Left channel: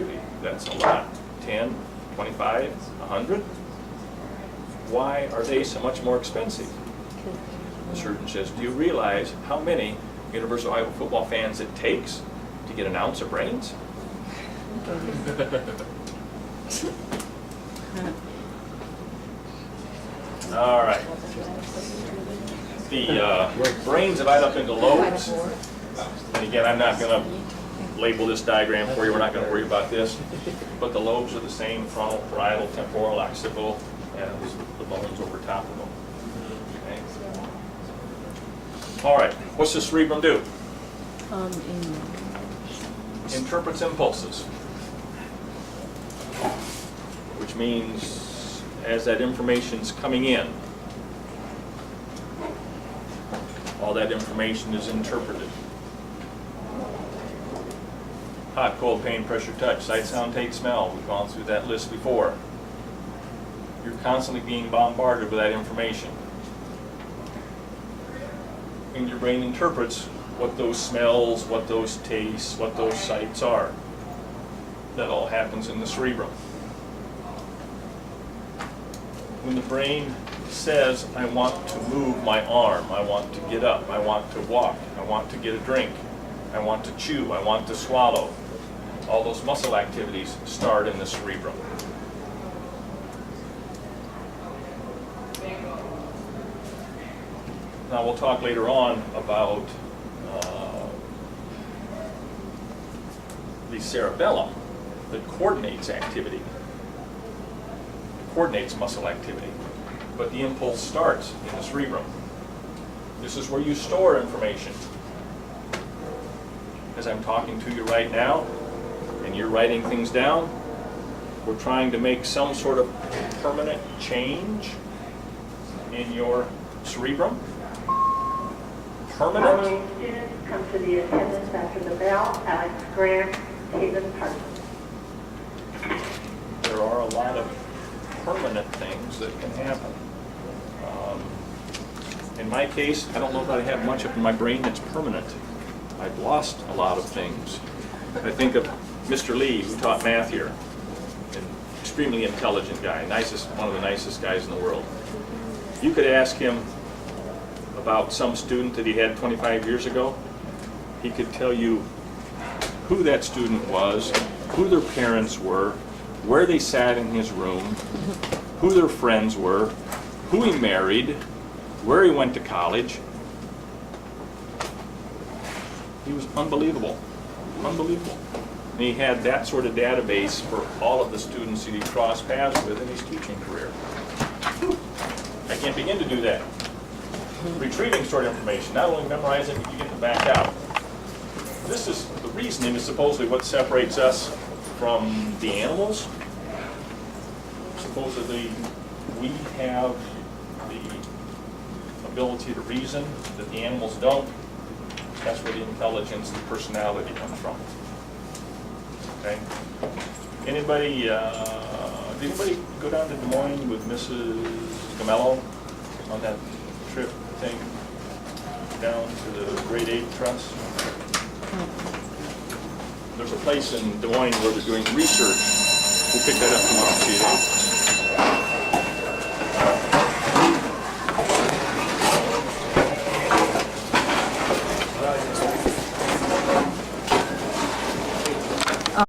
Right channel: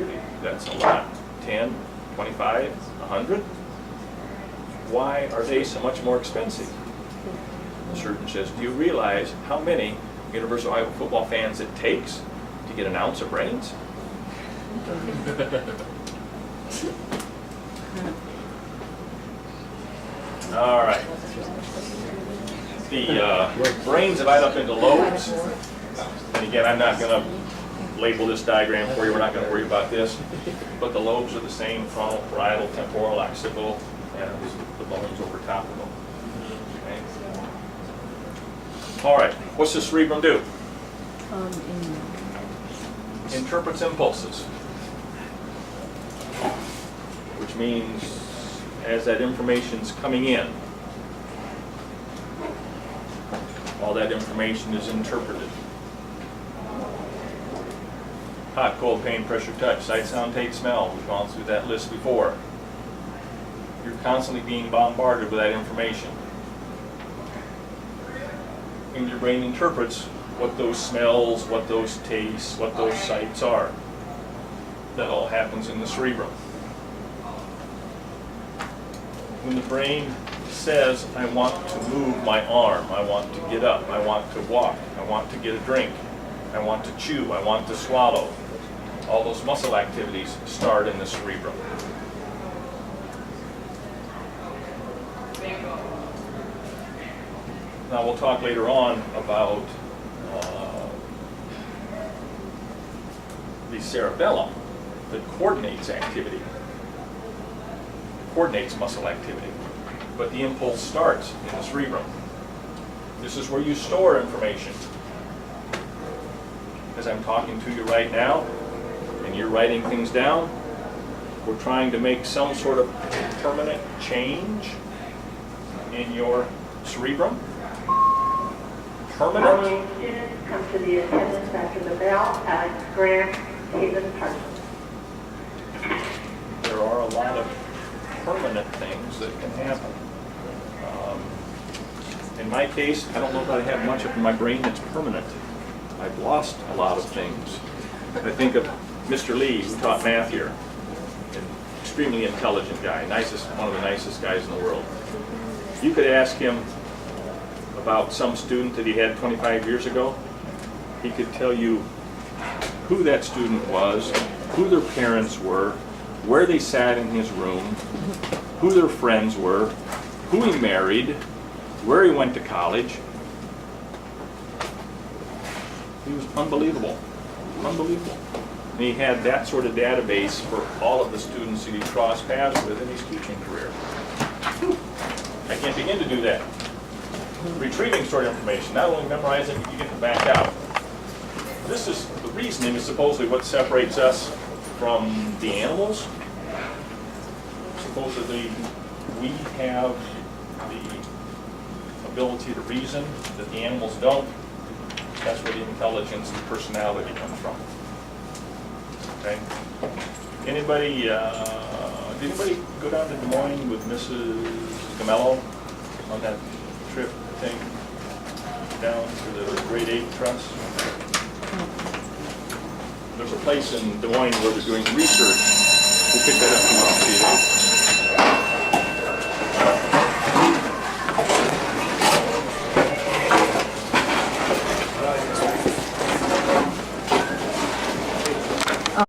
really, that's a lot. 10, 25, 100? Why are they so much more expensive? The surgeon says, do you realize how many University of Iowa football fans it takes to get an ounce of brains? All right. The brains divide up into lobes. And again, I'm not going to label this diagram for you. We're not going to worry about this. But the lobes are the same: frontal, parietal, temporal, occipital, and the bones over top of them. Okay. All right. What's the cerebrum do? Interprets impulses. Which means as that information's coming in, all that information is interpreted. Hot, cold, pain, pressure, touch, sight, sound, taste, smell. We've gone through that list before. You're constantly being bombarded with that information. And your brain interprets what those smells, what those tastes, what those sights are. That all happens in the cerebrum. When the brain says, I want to move my arm, I want to get up, I want to walk, I want to get a drink, I want to chew, I want to swallow, all those muscle activities start in the cerebrum. Now we'll talk later on about the cerebellum that coordinates activity, coordinates muscle activity. But the impulse starts in the cerebrum. This is where you store information. As I'm talking to you right now, and you're writing things down, we're trying to make some sort of permanent change in your cerebrum. Permanent. Following students come to the attendance after the bell. Alex Grant, Stephen Parsons. There are a lot of permanent things that can happen. In my case, I don't know that I have much of my brain that's permanent. I've lost a lot of things. I think of Mr. Lee, who taught math here, an extremely intelligent guy, one of the nicest guys in the world. You could ask him about some student that he had 25 years ago. He could tell you who that student was, who their parents were, where they sat in his room, who their friends were, who he married, where he went to college. He was unbelievable, unbelievable. And he had that sort of database for all of the students that he crossed paths with in his teaching career. I can't begin to do that. Retrieving stored information, not only memorizing, but you get to back out. This is, the reasoning is supposedly what separates us from the animals. Supposedly, we have the ability to reason that the animals don't. That's where the intelligence, the personality comes from. Okay? Anybody, did anybody go down to Des Moines with Mrs. Gamello on that trip thing down to the Grade 8 Trust? There's a place in Des Moines where they're doing research. We'll pick that up tomorrow.